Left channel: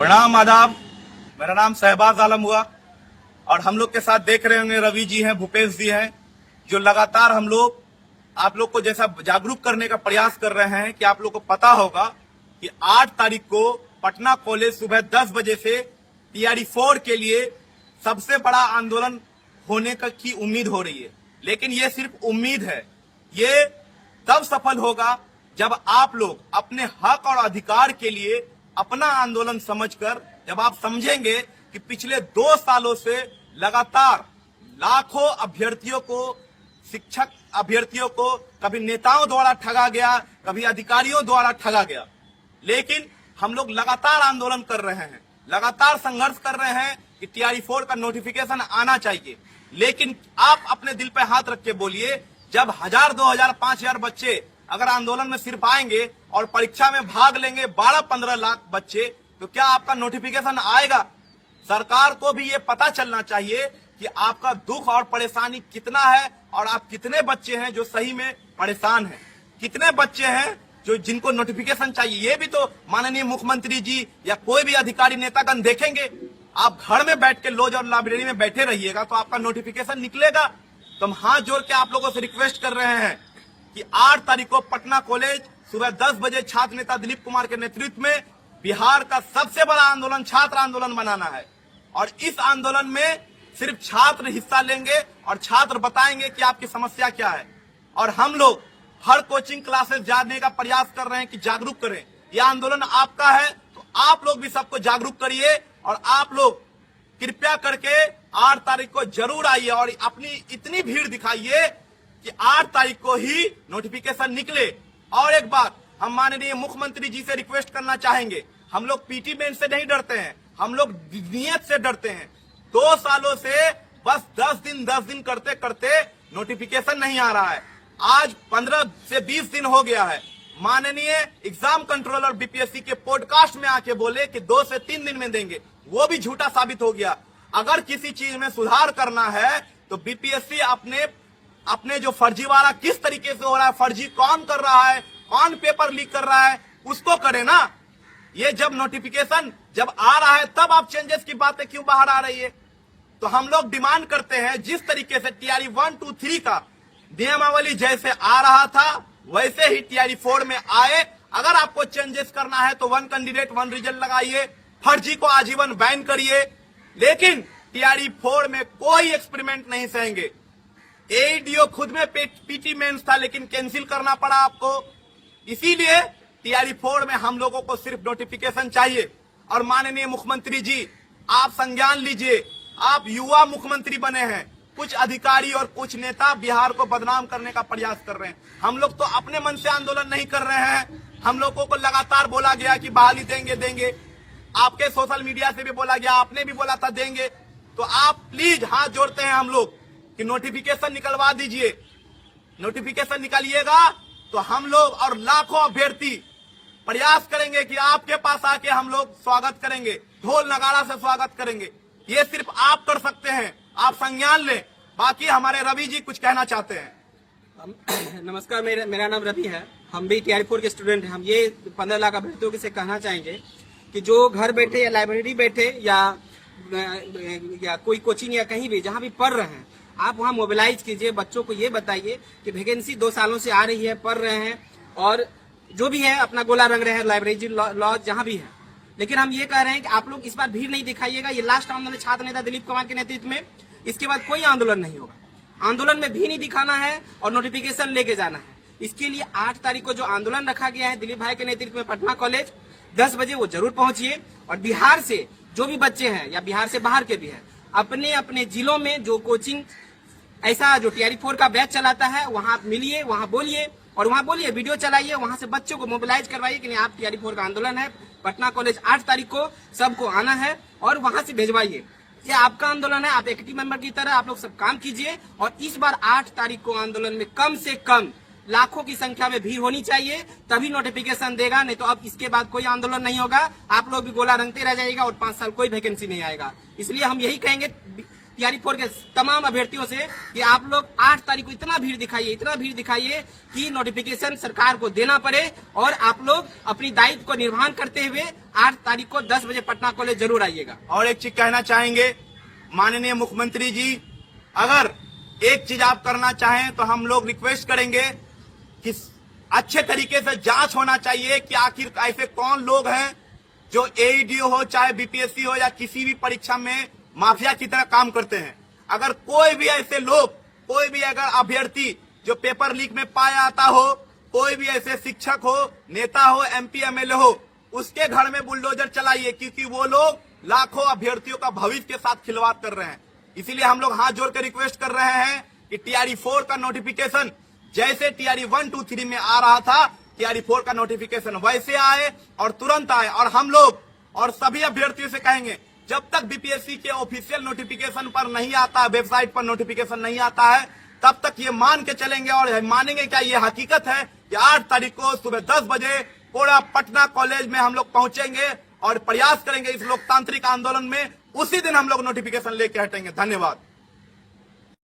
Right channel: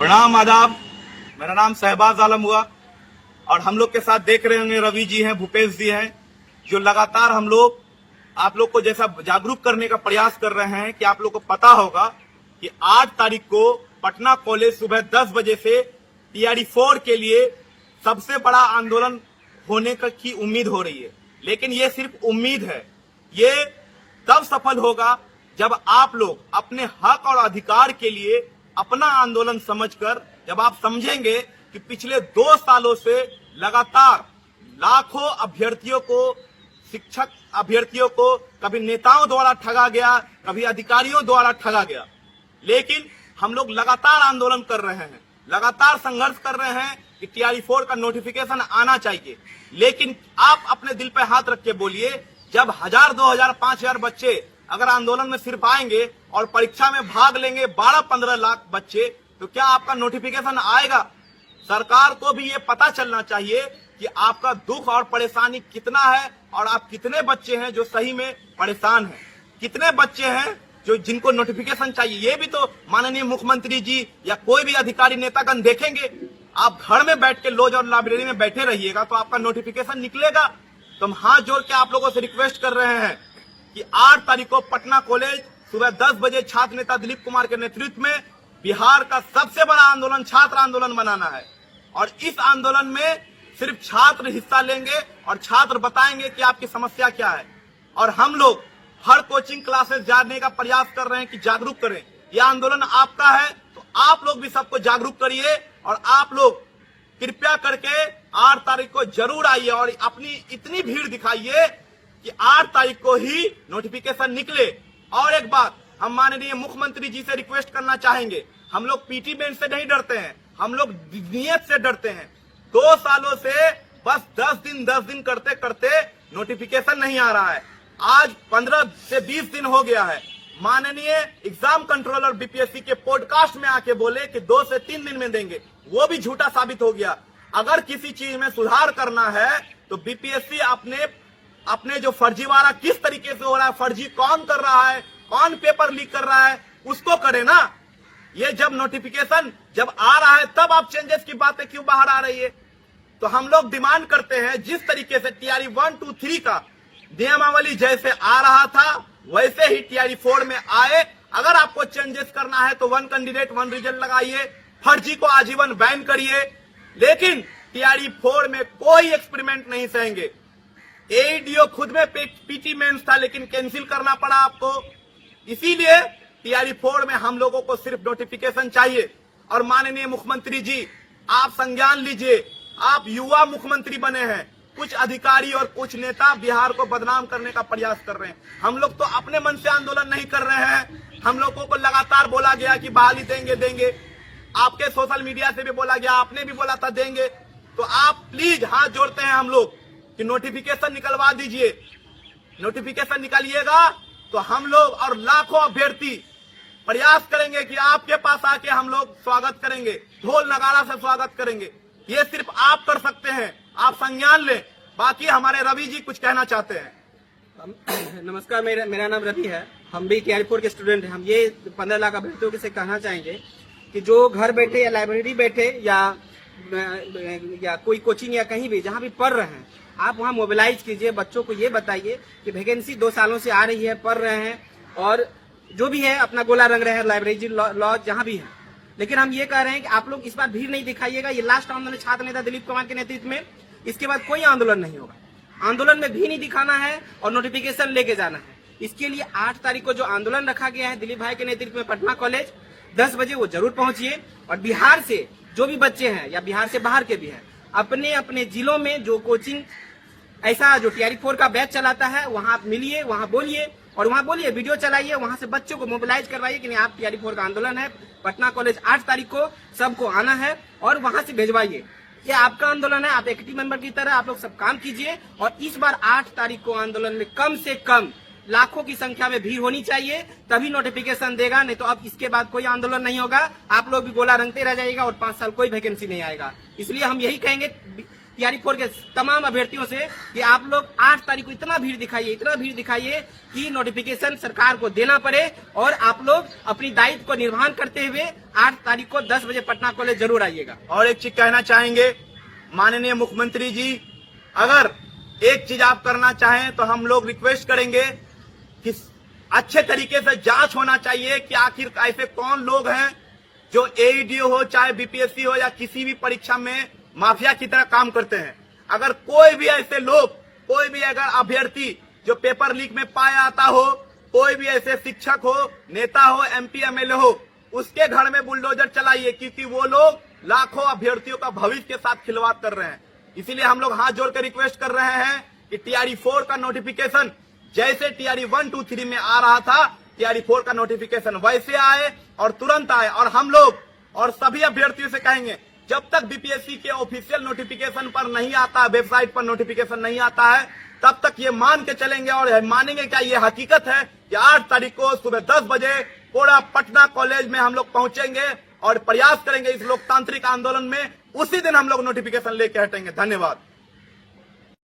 प्रणाम आदाब। मेरा नाम शहबाज आलम हुआ और हम लोग के साथ देख रहे होंगे रवि जी हैं, भूपेश जी हैं, जो लगातार हम लोग आप लोग को जैसा जागरूक करने का प्रयास कर रहे हैं कि आप लोग को पता होगा कि 8 तारीख को पटना कॉलेज सुबह 10 बजे से टीआरई 4 के लिए सबसे बड़ा आंदोलन होने की उम्मीद हो रही है। लेकिन ये सिर्फ उम्मीद है, ये तब सफल होगा जब आप लोग अपने हक और अधिकार के लिए अपना आंदोलन समझकर, जब आप समझेंगे कि पिछले 2 सालों से लगातार लाखों अभ्यर्थियों को, शिक्षक अभ्यर्थियों को कभी नेताओं द्वारा ठगा गया, कभी अधिकारियों द्वारा ठगा गया। लेकिन हम लोग लगातार आंदोलन कर रहे हैं, लगातार संघर्ष कर रहे हैं कि टीआरई 4 का नोटिफिकेशन आना चाहिए। लेकिन आप अपने दिल पे हाथ रख के बोलिए, जब 1000, 2000, 5000 बच्चे अगर आंदोलन में सिर्फ आएंगे और परीक्षा में भाग लेंगे 12-15 लाख बच्चे, तो क्या आपका नोटिफिकेशन आएगा? सरकार को भी ये पता चलना चाहिए कि आपका दुख और परेशानी कितना है और आप कितने बच्चे हैं जो सही में परेशान हैं, कितने बच्चे हैं जो जिनको नोटिफिकेशन चाहिए। ये भी तो माननीय मुख्यमंत्री जी या कोई भी अधिकारी नेतागण देखेंगे। आप घर में बैठ के लॉज और लाइब्रेरी में बैठे रहिएगा तो आपका नोटिफिकेशन निकलेगा। तो हम हाथ जोड़ के आप लोगों से रिक्वेस्ट कर रहे हैं कि 8 तारीख को पटना कॉलेज सुबह 10 बजे छात्र नेता दिलीप कुमार के नेतृत्व में बिहार का सबसे बड़ा आंदोलन छात्र आंदोलन बनाना है। और इस आंदोलन में सिर्फ छात्र हिस्सा लेंगे और छात्र बताएंगे कि आपकी समस्या क्या है। और हम लोग हर कोचिंग क्लासेस जाने का प्रयास कर रहे हैं कि जागरूक करें। यह आंदोलन आपका है, तो आप लोग भी सबको जागरूक करिए और आप लोग कृपया करके 8 तारीख को जरूर आइए और अपनी इतनी भीड़ दिखाइए कि 8 तारीख को ही नोटिफिकेशन निकले। और एक बात हम माननीय मुख्यमंत्री जी से रिक्वेस्ट करना चाहेंगे, हम लोग पीटी मेंस से नहीं डरते हैं, हम लोग नियत से डरते हैं। 2 सालों से बस 10 दिन करते करते नोटिफिकेशन नहीं आ रहा है। आज 15 से 20 दिन हो गया है। माननीय एग्जाम कंट्रोलर बीपीएससी के पॉडकास्ट में आके बोले कि 2 से 3 दिन में देंगे, वो भी झूठा साबित हो गया। अगर किसी चीज में सुधार करना है तो बीपीएससी अपने जो फर्जीवाड़ा किस तरीके से हो रहा है, फर्जी कौन कर रहा है, कौन पेपर लीक कर रहा है, उसको करे ना। ये जब नोटिफिकेशन जब आ रहा है तब आप चेंजेस की बातें क्यों बाहर आ रही है? तो हम लोग डिमांड करते हैं जिस तरीके से टीआरई 1, 2, 3 का नियमावली जैसे आ रहा था वैसे ही टीआरई 4 में आए। अगर आपको चेंजेस करना है तो 1 कैंडिडेट 1 रिजल्ट लगाइए, फर्जी को आजीवन बैन करिए। लेकिन टीआरई 4 में कोई एक्सपेरिमेंट नहीं सहेंगे। एडीओ खुद में पीटी मेंस था लेकिन कैंसिल करना पड़ा आपको। इसीलिए टीआरई 4 में हम लोगों को सिर्फ नोटिफिकेशन चाहिए। और माननीय मुख्यमंत्री जी, आप संज्ञान लीजिए, आप युवा मुख्यमंत्री बने हैं। कुछ अधिकारी और कुछ नेता बिहार को बदनाम करने का प्रयास कर रहे हैं। हम लोग तो अपने मन से आंदोलन नहीं कर रहे हैं। हम लोगों को लगातार बोला गया कि बहाली देंगे, आपके सोशल मीडिया से भी बोला गया, आपने भी बोला था देंगे। तो आप प्लीज हाथ जोड़ते हैं हम लोग कि नोटिफिकेशन निकलवा दीजिए। नोटिफिकेशन निकालिएगा तो हम लोग और लाखों अभ्यर्थी प्रयास करेंगे कि आपके पास आके हम लोग स्वागत करेंगे, ढोल नगाड़ा से स्वागत करेंगे। ये सिर्फ आप कर सकते हैं, आप संज्ञान लें। बाकी हमारे रवि जी कुछ कहना चाहते हैं। नमस्कार, मेरा नाम रवि है। हम भी टीआरई 4 के स्टूडेंट हैं। हम ये 15 लाख अभ्यर्थियों से कहना चाहेंगे कि जो घर बैठे या लाइब्रेरी बैठे या कोई कोचिंग या कहीं भी जहाँ भी पढ़ रहे हैं, आप वहाँ मोबिलाइज कीजिए। बच्चों को ये बताइए कि वैकेंसी 2 सालों से आ रही है, पढ़ रहे हैं और जो भी है अपना गोला रंग रहे हैं, लाइब्रेरी लॉज जहाँ भी है। लेकिन हम ये कह रहे हैं कि आप लोग इस बार भीड़ नहीं दिखाइएगा। ये लास्ट आंदोलन छात्र नेता दिलीप कुमार के नेतृत्व में, इसके बाद कोई आंदोलन नहीं होगा। आंदोलन में भी नहीं दिखाना है और नोटिफिकेशन लेके जाना है। इसके लिए 8 तारीख को जो आंदोलन रखा गया है दिलीप भाई के नेतृत्व में पटना कॉलेज 10 बजे, वो जरूर पहुंचिए। और बिहार से जो भी बच्चे हैं या बिहार से बाहर के भी हैं, अपने अपने जिलों में जो कोचिंग ऐसा जो टीआरई 4 का बैच चलाता है वहाँ आप मिलिए, वहाँ बोलिए और वहाँ बोलिए, वीडियो चलाइए, वहाँ से बच्चों को मोबिलाइज करवाइए कि नहीं आप टीआरई 4 का आंदोलन है, पटना कॉलेज 8 तारीख को सबको आना है और वहाँ से भेजवाइए। ये आपका आंदोलन है, आप एक्टिव मेंबर की तरह आप लोग सब काम कीजिए। और इस बार 8 तारीख को आंदोलन में कम से कम लाखों की संख्या में भीड़ होनी चाहिए, तभी नोटिफिकेशन देगा। नहीं तो अब इसके बाद कोई आंदोलन नहीं होगा, आप लोग भी गोला रंगते रह जाएगा और 5 साल कोई वैकेंसी नहीं आएगा। इसलिए हम यही कहेंगे टीआरई 4 के तमाम अभ्यर्थियों से कि आप लोग 8 तारीख को इतना भीड़ दिखाइए कि नोटिफिकेशन सरकार को देना पड़े और आप लोग अपनी दायित्व को निर्वहन करते हुए 8 तारीख को 10 बजे पटना कॉलेज जरूर आइएगा। और एक चीज कहना चाहेंगे, माननीय मुख्यमंत्री जी, अगर एक चीज आप करना चाहें तो हम लोग रिक्वेस्ट करेंगे कि अच्छे तरीके से जांच होना चाहिए कि आखिर ऐसे कौन लोग हैं जो एईडी हो चाहे बीपीएससी हो या किसी भी परीक्षा में माफिया की तरह काम करते हैं। अगर कोई भी ऐसे लोग, कोई भी अगर अभ्यर्थी जो पेपर लीक में पाया आता हो, कोई भी ऐसे शिक्षक हो, नेता हो, एमपी एमएलए हो, उसके घर में बुलडोजर चलाइए, क्योंकि वो लोग लाखों अभ्यर्थियों का भविष्य के साथ खिलवाड़ कर रहे हैं। इसीलिए हम लोग हाथ जोड़कर रिक्वेस्ट कर रहे हैं कि टीआरई 4 का नोटिफिकेशन जैसे टीआरई 1, 2, 3 में आ रहा था, टीआरई 4 का नोटिफिकेशन वैसे आए और तुरंत आए। और हम लोग और सभी अभ्यर्थियों से कहेंगे, जब तक बीपीएससी के ऑफिशियल नोटिफिकेशन पर नहीं आता, वेबसाइट पर नोटिफिकेशन नहीं आता है, तब तक ये मान के चलेंगे और मानेंगे क्या ये हकीकत है कि 8 तारीख को सुबह 10 बजे पूरा पटना कॉलेज में हम लोग पहुंचेंगे और प्रयास करेंगे इस लोकतांत्रिक आंदोलन में। उसी दिन हम लोग नोटिफिकेशन लेके हटेंगे। धन्यवाद।